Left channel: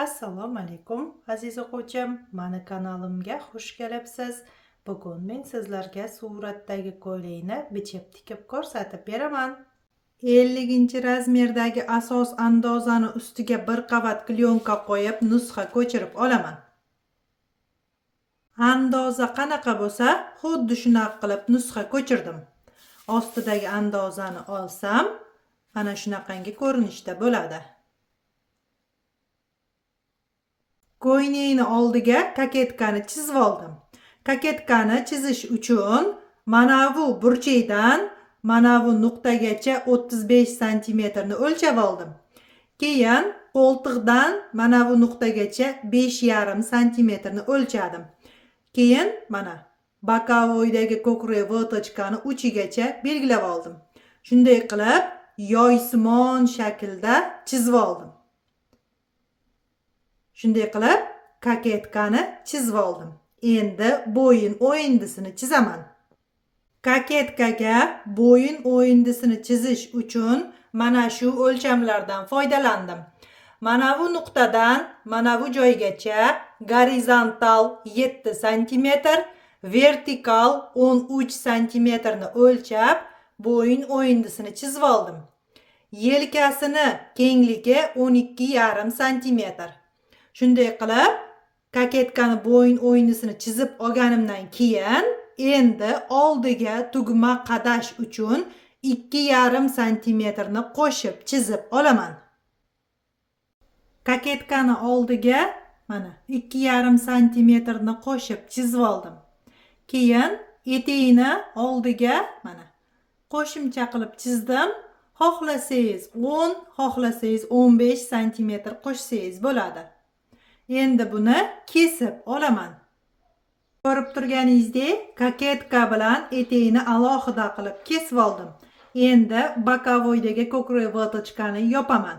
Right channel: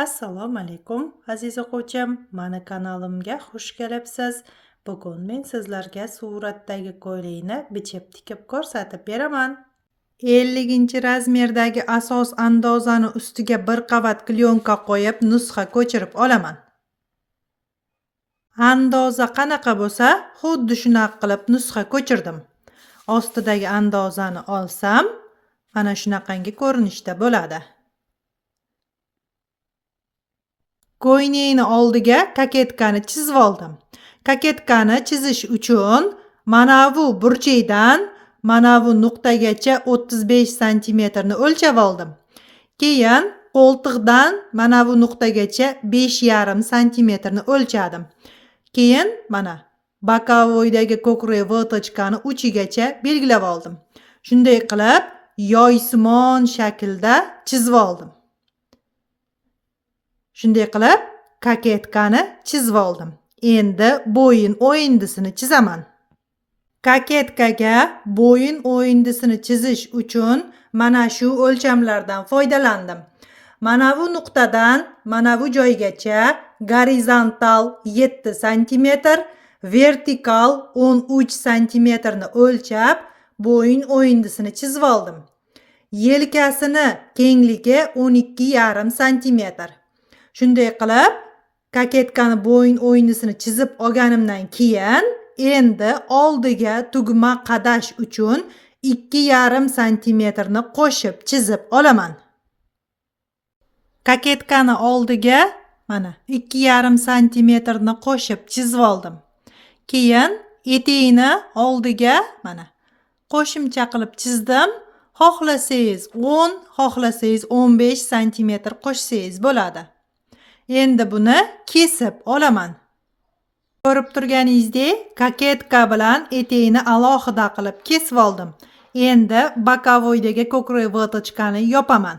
Assalomu alaykum aziz o'quvchim, mani kanalimga xush kelibsiz. Bugun men sizlarga suratdagi ko'ylakni bichib tikib ko'rsatib beraman. 50-razmerdagi asos andozani ustiga bir qavat klyonka qo'yib nusxa ko'chirib olaman. Andoza qanaqa bo'lsa, xuddi shunaqa qilib nusxa ko'chirdim. Ostidagi andozani olsam, mana shunaqangi ko'rinishda bo'ladi. Ko'ylakni oldiga kaketkani chizib oldim. Kaketkani chizish uchun mana bu burchakdan mana bu nuqtagacha 35 santimetrni o'lchab oldim. Keyin qo'ltiqdan mana bu nuqtagacha 5,5 santimetrni o'lchadim. Keyin mana bokovoydagi ko'krak vatochkani uchigacha belgilab oldim. Shunday qilib yoysimon shaklda chizib oldim. Shunday qilib kaketkani chizib oldim. Endi bo'yin o'yindisini chizaman. Kaketkaga bo'yin o'yindisini chizish uchun mana shu o'lchamlardan foydalandim. Mana bu nuqtadan mana bu joygacha gorizontal 7 cm, vertikal 13 cm o'lchab bo'yin o'yindisini chizib oldim. Yelkasini kengligi 12,5 cm. Shunday qilib kaketkani bo'yin o'yindisini chizib olganimdan keyin endi oldiga tugma qadash uchun 2,5 santimetrni qo'shib chizib olaman. Kaketkani oldiga mana 2,5 santimetrni qo'shib chizib oldim. Keyin etegini oldiga mana qo'shimcha qilib chizdim. Xohlasangiz 10, xohlasangiz 15 santimetr qo'shsangiz bo'ladi. Endi buni kesib olaman. Ko'rib turganingizdek, kaketka bilan etekni alohida qilib kesib oldim. Endi bokovoydagi ko'krak vatochkani yopaman.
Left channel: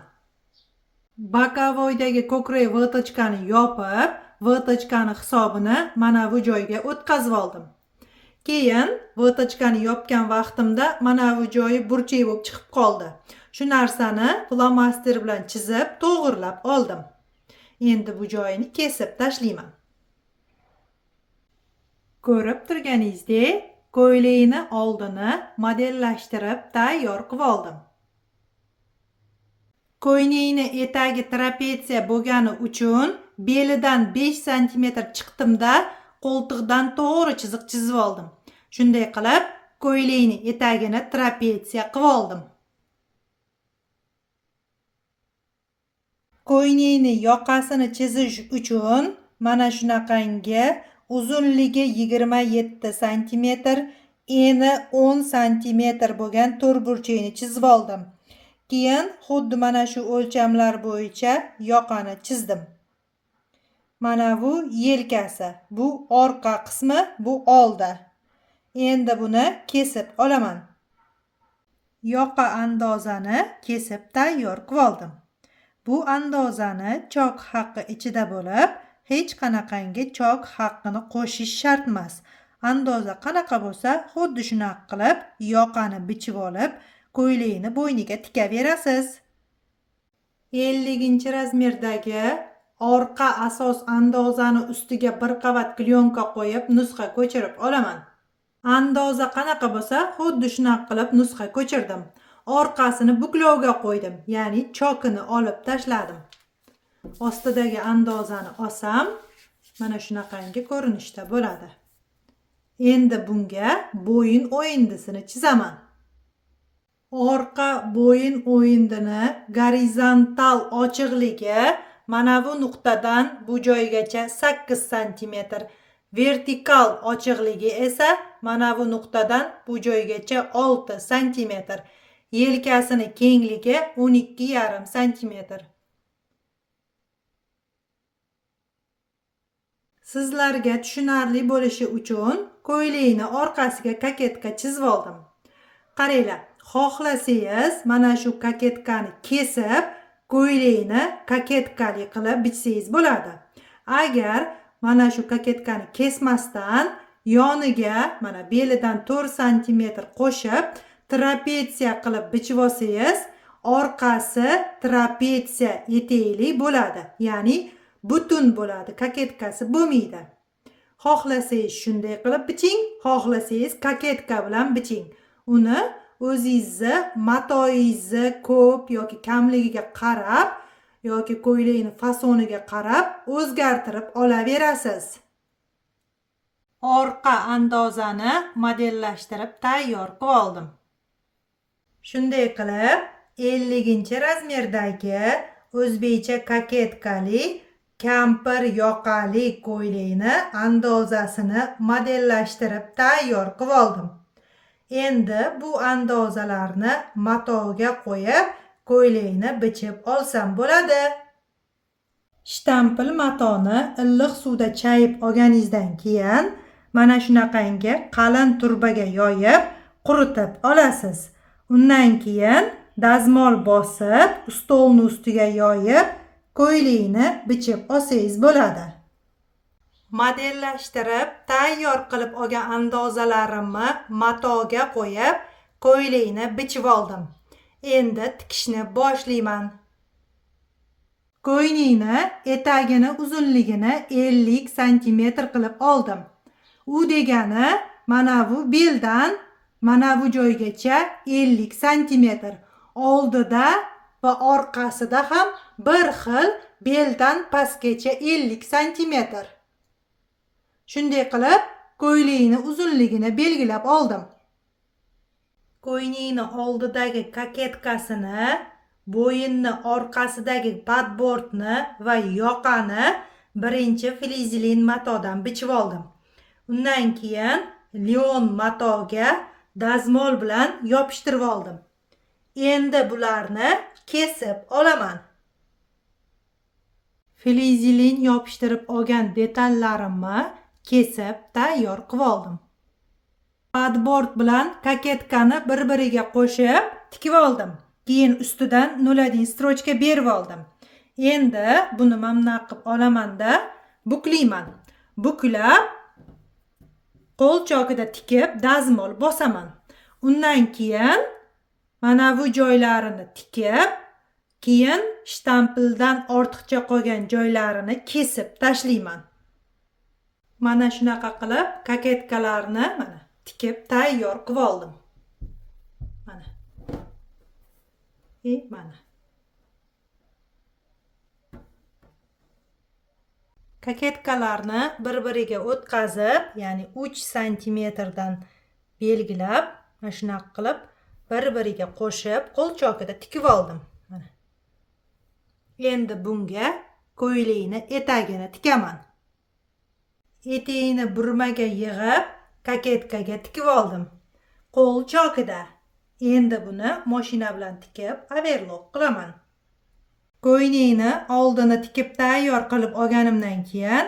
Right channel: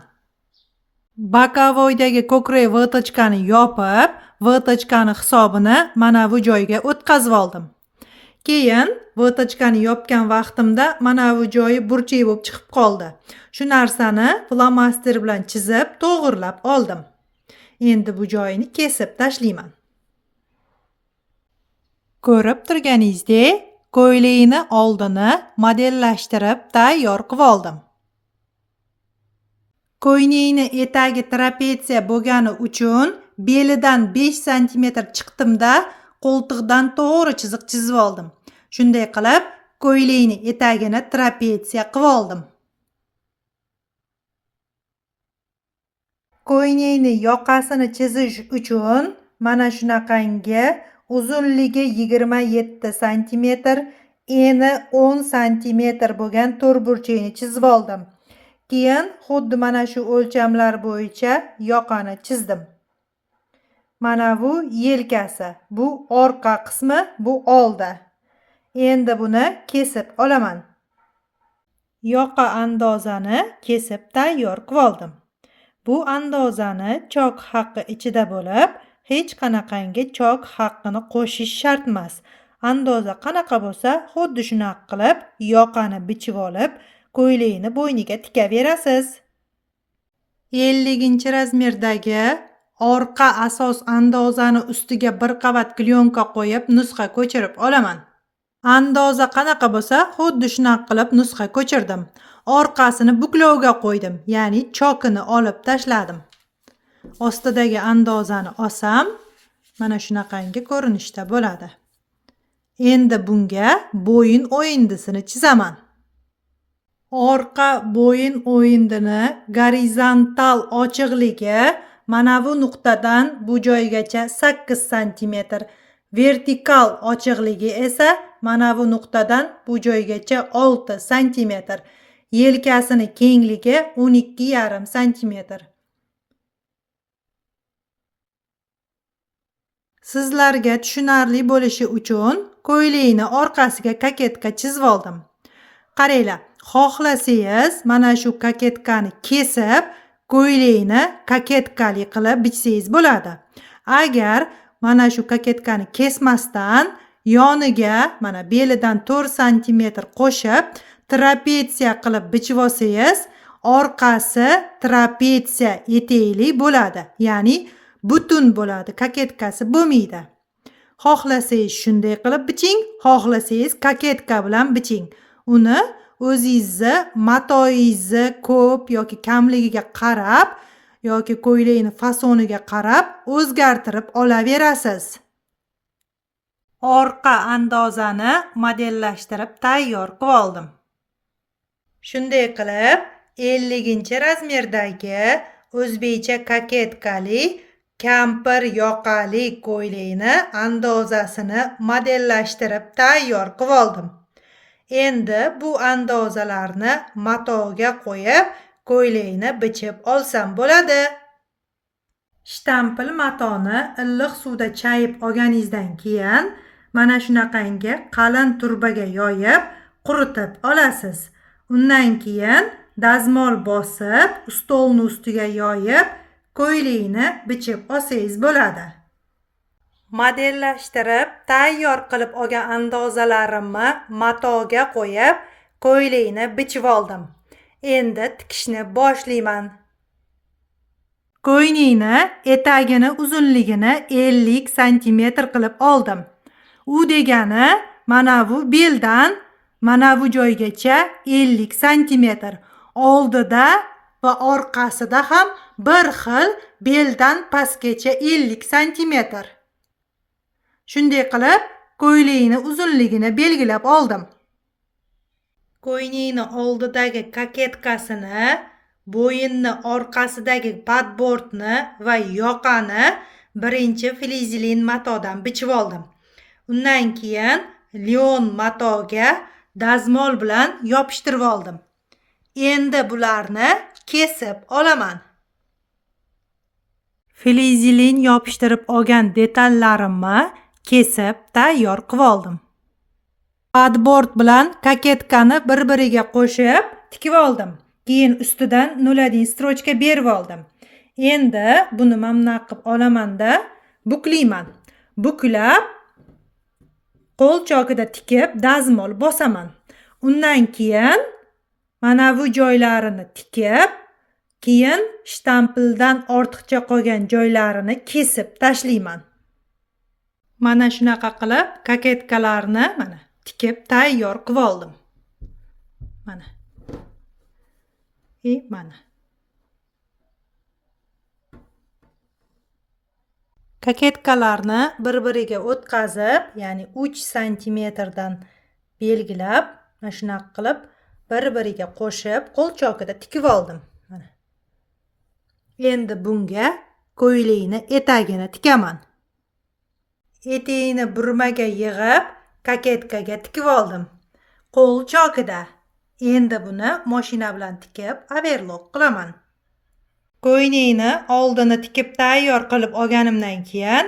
Bokovoydagi ko'krak vatochkani yopib, vatochkani hisobini mana bu joyga o'tkazib oldim. Keyin vatochkani yopgan vaqtimda mana bu joyi burchak bo'lib chiqib qoldi. Shu narsani flomaster bilan chizib, to'g'irlab oldim. Endi bu joyini kesib tashlayman. Ko'rib turganingizdek, ko'ylakni oldini modellashtirib tayyor qilib oldim. Ko'ylakni etagi trapetsiya bo'lgani uchun belidan 5 cm chiqdimda qo'ltiqdan to'g'ri chiziq chizib oldim. Shunday qilib ko'ylakni etagini trapetsiya qilib oldim. Ko'ylakni yoqasini chizish uchun mana shunaqangi uzunligi 27 cm, eni 10 cm bo'lgan to'rtburchakni chizib oldim. Keyin xuddi mana shu o'lchamlar bo'yicha yoqani chizdim. Mana bu yelkasi, bu orqa qismi, bu oldi. Endi buni kesib olaman. Yoqa andozani kesib tayyor qilib oldim. Bu andozani chok haqqi ichida bo'lib, hech qanaqangi chok haqqini qo'shish shart emas. Andoza qanaqa bo'lsa, xuddi shunaqa qilib yoqani bichib olib, ko'ylakni bo'yniga tikaverasiz. 50-razmerdagi orqa asos andozani ustiga bir qavat klyonka qo'yib nusxa ko'chirib olaman. Andoza qanaqa bo'lsa, xuddi shunaqa qilib nusxa ko'chirdim. Orqasini buklovga qo'ydim, ya'ni chokini olib tashladim. Ostidagi andozani olsam, mana shunaqangi ko'rinishda bo'ladi. Endi bunga bo'yin o'yindisini chizaman. Orqa bo'yin o'yindini gorizontal ochiqligi mana bu nuqtadan bu joygacha 8 cm, vertikal ochiqligi esa mana bu nuqtadan bu joygacha 6 cm. Yelkasini kengligi 12,5 cm. Sizlarga tushunarli bo'lishi uchun ko'ylakni orqasiga kaketka chizib oldim. Qaranglar, xohlasangiz mana shu kaketkani kesib, ko'ylakni kaketkali qilib bichsangiz bo'ladi. Agar mana shu kaketkani kesmasdan yoniga mana belidan 4 cm qo'shib trapetsiya qilib bichib olsangiz, orqasi trapetsiya etekli bo'ladi. Ya'ni butun bo'ladi. Koketkasi bo'lmaydi. Xohlasangiz shunday qilib biching, xohlasangiz koketka bilan biching. Uni o'zingizni matoyingizni ko'p yoki kamligiga qarab yoki ko'ylakni fasoniga qarab o'zgartirib olaverasiz. Orqa andozani modellashtirib tayyor qilib oldim. Shunday qilib 50-razmerdagi o'zbekcha koketkali kampir yoqali ko'ylakni andozasini modellashtirib tayyor qilib oldim. Endi bu andozalarni matoga qo'yib ko'ylakni bichib olsam bo'ladi. Shtampil matoni illiq suvda chayib olganingizdan keyin mana shunaqangi qalin turbaga yoyib quritib olasiz. Undan keyin dazmol bosib, stolni ustiga yoyib ko'ylakni bichib olsangiz bo'ladi. Modellashtirib tayyor qilib olgan andozalarimni matoga qo'yib ko'ylakni bichib oldim. Endi tikishni boshlayman. Ko'ylakni etagini uzunligini 50 cm qilib oldim. U degani mana bu beldan mana bu joygacha 50 cm. Oldida va orqasida ham bir xil beldan pastgacha 50 cm. Shunday qilib ko'ylakni uzunligini belgilab oldim. Ko'ylakni oldidagi koketkasini, bo'yinni orqasidagi padbordni va yoqani birinchi flizilin matodan bichib oldim. Undan keyin lion matoga dazmol bilan yopishtirib oldim. Endi bularni kesib olaman. Flizilin yopishtirib olgan detallarimni kesib tayyor qilib oldim. Padbord bilan koketkani bir-biriga qo'shib tikib oldim. Keyin ustidan 0 strochka berib oldim. Endi buni mamna qilib olamanda buklayman. Buklab qo'l chokida tikib dazmol bosaman. Undan keyin mana bu joylarini tikib, keyin shtampildan ortiqcha qolgan joylarini kesib tashlayman. Mana shunaqa qilib koketkalarni mana tikib tayyor qilib oldim. Mana. Mana. Koketkalarni bir-biriga o'tkazib, ya'ni 3 cm dan belgilab, mana shunaqa qilib bir-biriga qo'shib qo'l chokida tikib oldim. Mana. Endi bunga ko'ylakni etagini tikaman. Etigini burmaga yig'ib, koketkaga tikib oldim. Qo'l chokida. Endi buni mashina bilan tikib, overlock qilaman. Ko'ylakni oldini tikib tayyor qilib olganimdan keyin,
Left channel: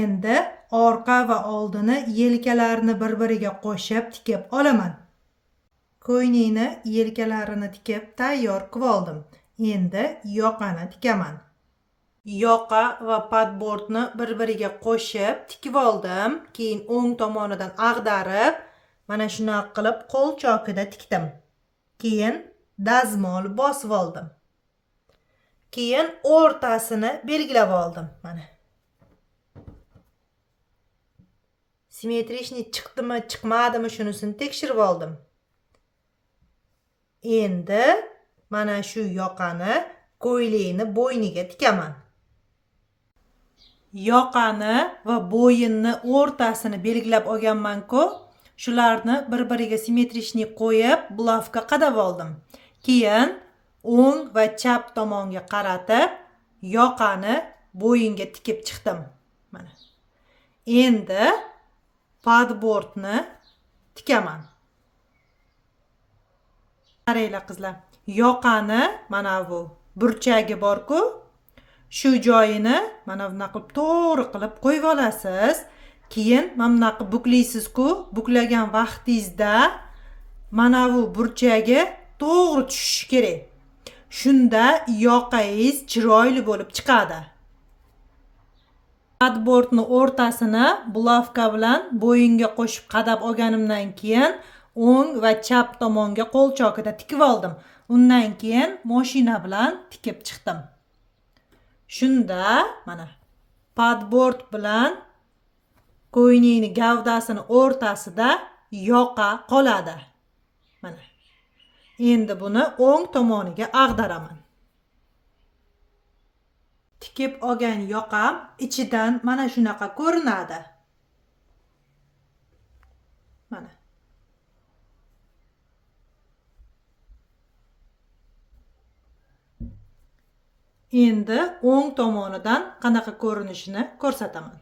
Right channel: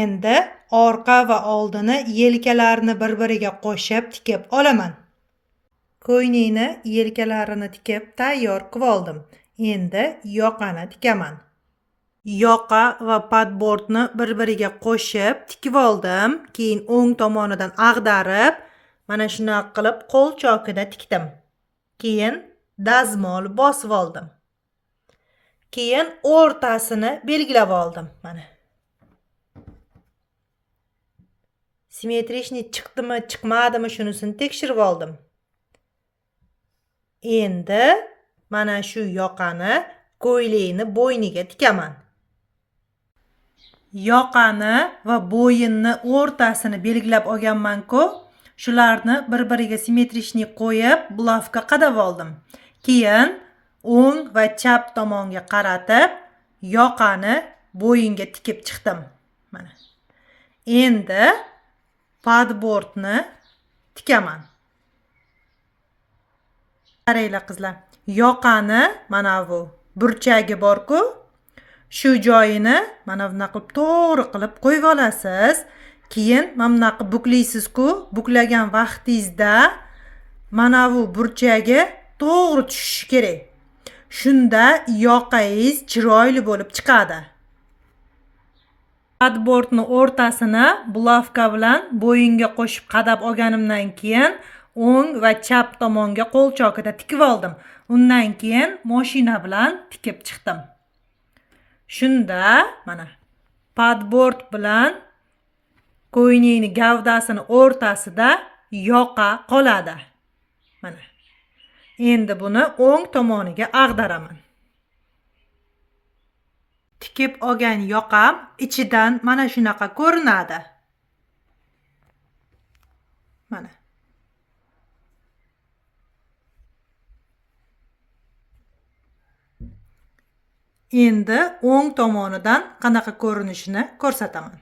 endi orqa va oldini yelkalarini bir-biriga qo'shib tikib olaman. Ko'ylakni yelkalarini tikib tayyor qilib oldim. Endi yoqani tikaman. Yoqa va padbordni bir-biriga qo'shib tikib oldim. Keyin o'ng tomonidan ag'darib, mana shunaqa qilib qo'l chokida tikdim. Keyin dazmol bosib oldim. Keyin o'rtasini belgilab oldim. Mana. Simmetrичный chiqdimi, chiqmadimi shunisini tekshirib oldim. Endi mana shu yoqani ko'ylakni bo'yniga tikaman. Yoqani va bo'yinni o'rtasini belgilab olganman-ku, shularni bir-biriga simmetrичный qo'yib, bulavka qadab oldim. Keyin o'ng va chap tomonga qaratib, yoqani bo'yinga tikib chiqdim. Mana. Endi padbordni tikaman. Qaranglar qizlar. Yoqani mana bu burchagi bor-ku, shu joyini mana bunaqa qilib to'g'ri qilib qo'yib olasiz. Keyin mana bunaqa buklaysiz-ku, buklagan vaqtingizda mana bu burchagi to'g'ri tushishi kerak. Shunda yoqangiz chiroyli bo'lib chiqadi. Padbordni o'rtasini bulavka bilan bo'yinga qo'shib qadab olganimdan keyin o'ng va chap tomonga qo'l chokida tikib oldim. Undan keyin mashina bilan tikib chiqdim. Shunda mana padbord bilan ko'ylakni gavdasini o'rtasida yoqa qoladi. Mana. Endi buni o'ng tomoniga ag'daraman. Tikib olgan yoqam ichidan mana shunaqa ko'rinadi. Mana. Endi o'ng tomonidan qanaqa ko'rinishini ko'rsataman.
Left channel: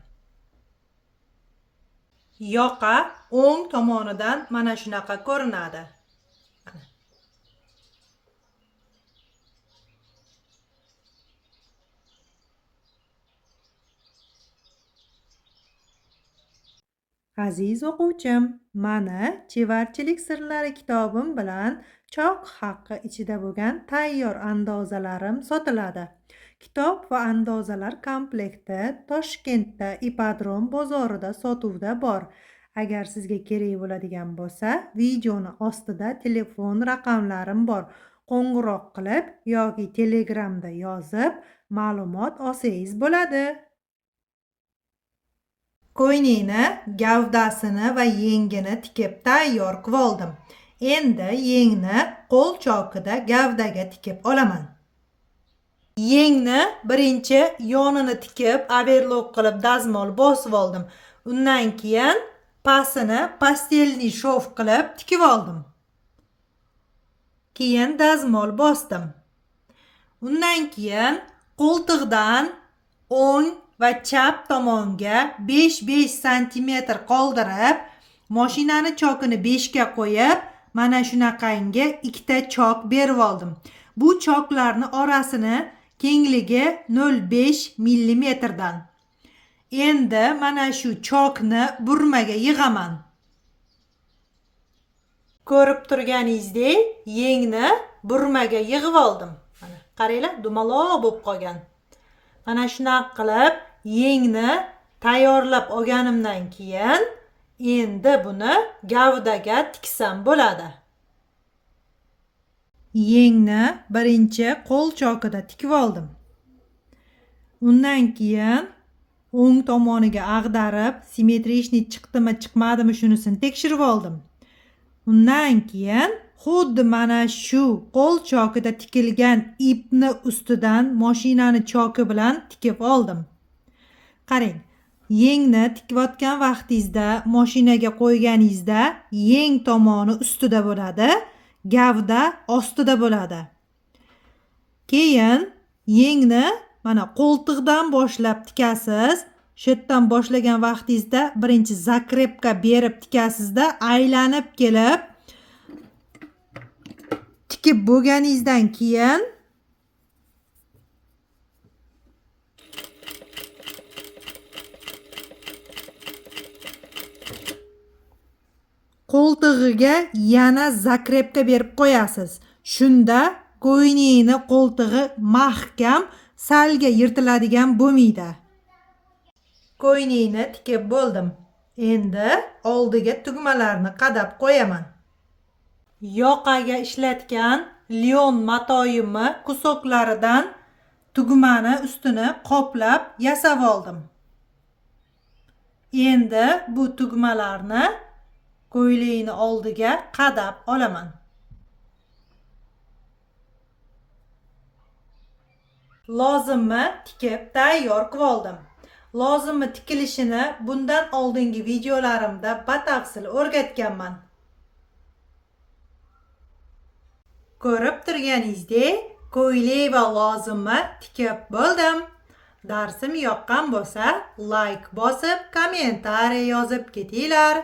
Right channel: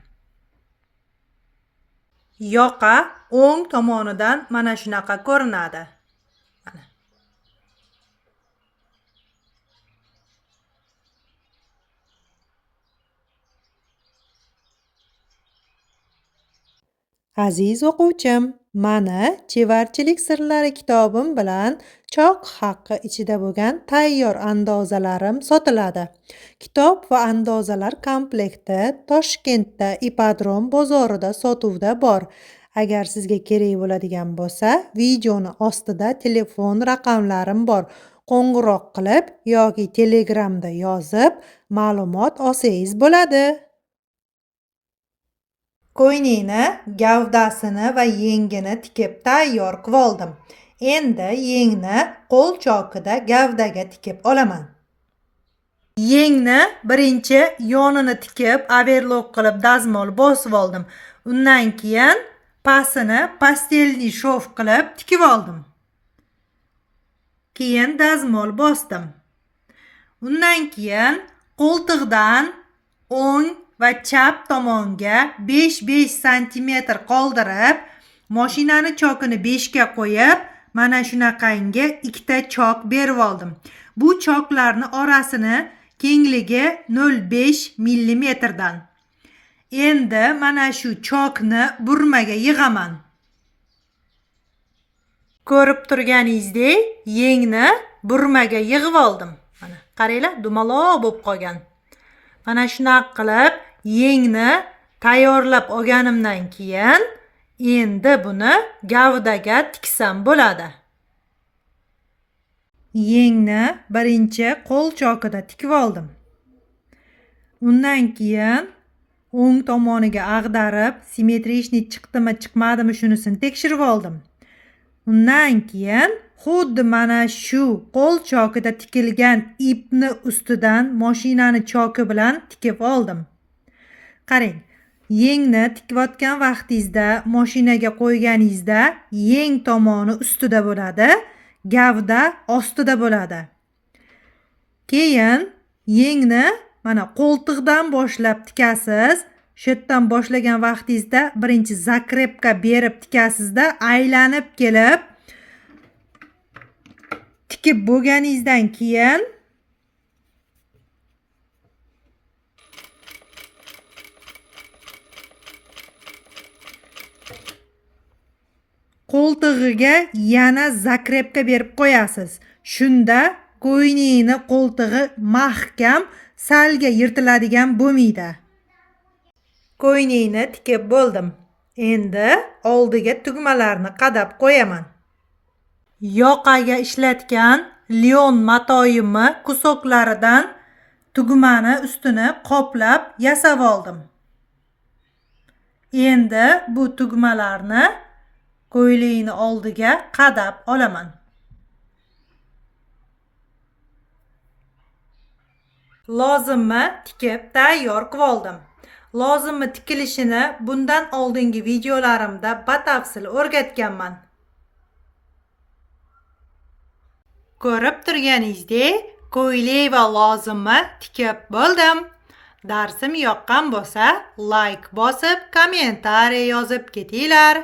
Yoqa o'ng tomonidan mana shunaqa ko'rinadi. Mana. Aziz o'quvchim, mana chevarchilik sirlari kitobim bilan choq haqqi ichida bo'lgan tayyor andozalarim sotiladi. Kitob va andozalar komplekti Toshkentda Ipodrom bozorida sotuvda bor. Agar sizga kerak bo'ladigan bo'lsa, videoni ostida telefon raqamlarim bor. Qo'ng'iroq qilib yoki Telegramda yozib ma'lumot olsangiz bo'ladi. Ko'ylakni gavdasini va yengini tikib tayyor qilib oldim. Endi yengni qo'l chokida gavdaga tikib olaman. Yengni birinchi yonini tikib, overlock qilib dazmol bosib oldim. Undan keyin pastini pastelniy shov qilib tikib oldim. Keyin dazmol bosdim. Undan keyin qo'ltiqdan o'ng va chap tomonga 5-5 cm qoldirib, mashinani chokini 5 ga qo'yib, mana shunaqangi ikkita chok berib oldim. Bu choklarni orasini kengligi 0,5 mm dan. Endi mana shu chokni burmaga yig'aman. Ko'rib turganingizdek, yengni burmaga yig'ib oldim. Mana qaranglar, dumaloq bo'lib qolgan. Mana shunaqa qilib yengni tayyorlab olganimdan keyin endi buni gavdaga tiksam bo'ladi. Yengni birinchi qo'l chokida tikib oldim. Undan keyin o'ng tomoniga ag'darib, simmetrichniy chiqdimi, chiqmadimi shunisini tekshirib oldim. Undan keyin xuddi mana shu qo'l chokida tikilgan ipni ustidan mashinani choki bilan tikib oldim. Qarang, yengni tikayotgan vaqtingizda mashinaga qo'yganingizda yeng tomoni ustida bo'ladi, gavda ostida bo'ladi. Keyin yengni mana qo'ltiqdan boshlab tikasiz. Shu yerdan boshlagan vaqtingizda birinchi zakrepka berib tikasizda, aylanib kelib tikib bo'lganingizdan keyin qo'ltig'iga yana zakrepka berib qo'yasiz. Shunda ko'ylakni qo'ltig'i mahkam, salga yirtiladigan bo'lmaydi. Ko'ylakni tikib bo'ldim. Endi oldiga tugmalarni qadab qo'yaman. Yoqaga ishlatgan lion matoyimni kusoklaridan tugmani ustini qoplab yasab oldim. Endi bu tugmalarni ko'ylakni oldiga qadab olaman. Lozimni tikib tayyor qilib oldim. Lozimni tikilishini bundan oldingi videolarimda batafsil o'rgatganman. Ko'rib turganingizdek, ko'ylak va lozimni tikib bo'ldim. Darsim yoqqan bo'lsa, like bosib, kommentariy yozib ketinglar.